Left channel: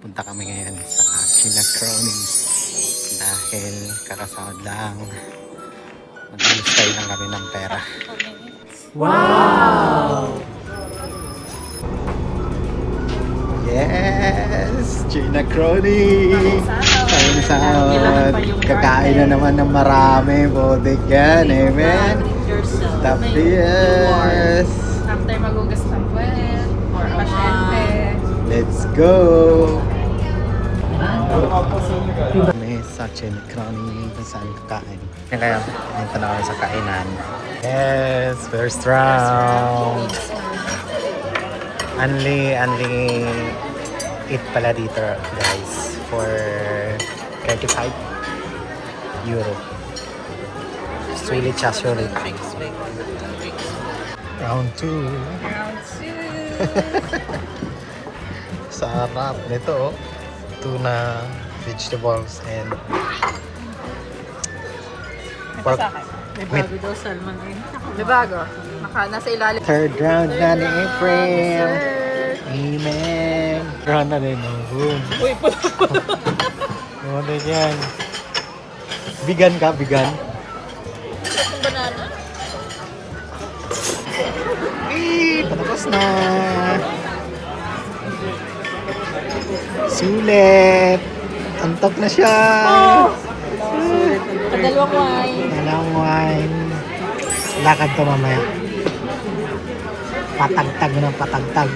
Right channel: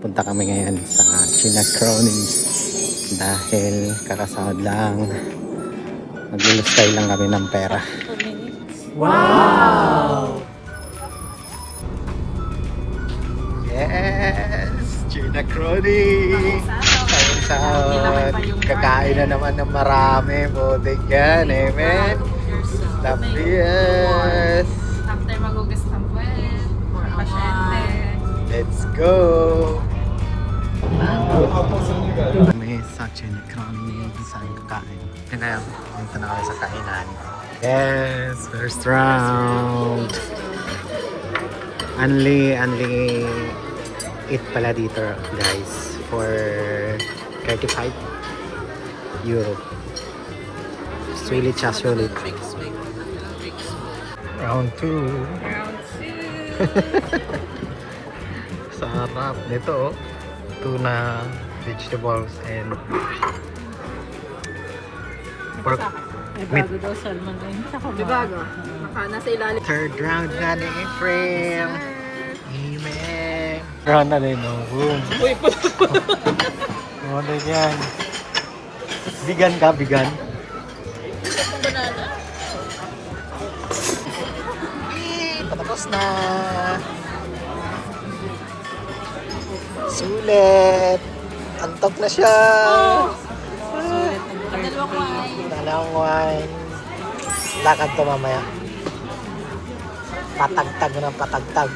Punta kami ngayon sa Chinacrone dahil kakasahod lang. Mag-ilustay lang kami ng pera. Wow! Yes! Chinacrone! Kakain na naman ng marami. Bodik yan, eh, man. Tapos! After magugas ng puwet, for pasyente. Let's go! Kami sa Chinacrone kung saan kakain. Kaya punta na kami sa kainan. Yes! First round! Only eat pala dito guys for 35 euro. Sulit siya, sulit. Round 2. Round 2. Sarap nito, oh. Tuna, vegetables, and pork. May bago daw salmon rin. May bago. Nasa ilalim. Third round na ni April. Amen. Round na din, oh. Boom. Uy, Ano yan? Vegan ka, vegan? banana. Tapos na. Sulit. Antok na siya. Sulit. Padalawang wine. Dalawang wine. Lakad to mamaya. Patagtag na patagtag.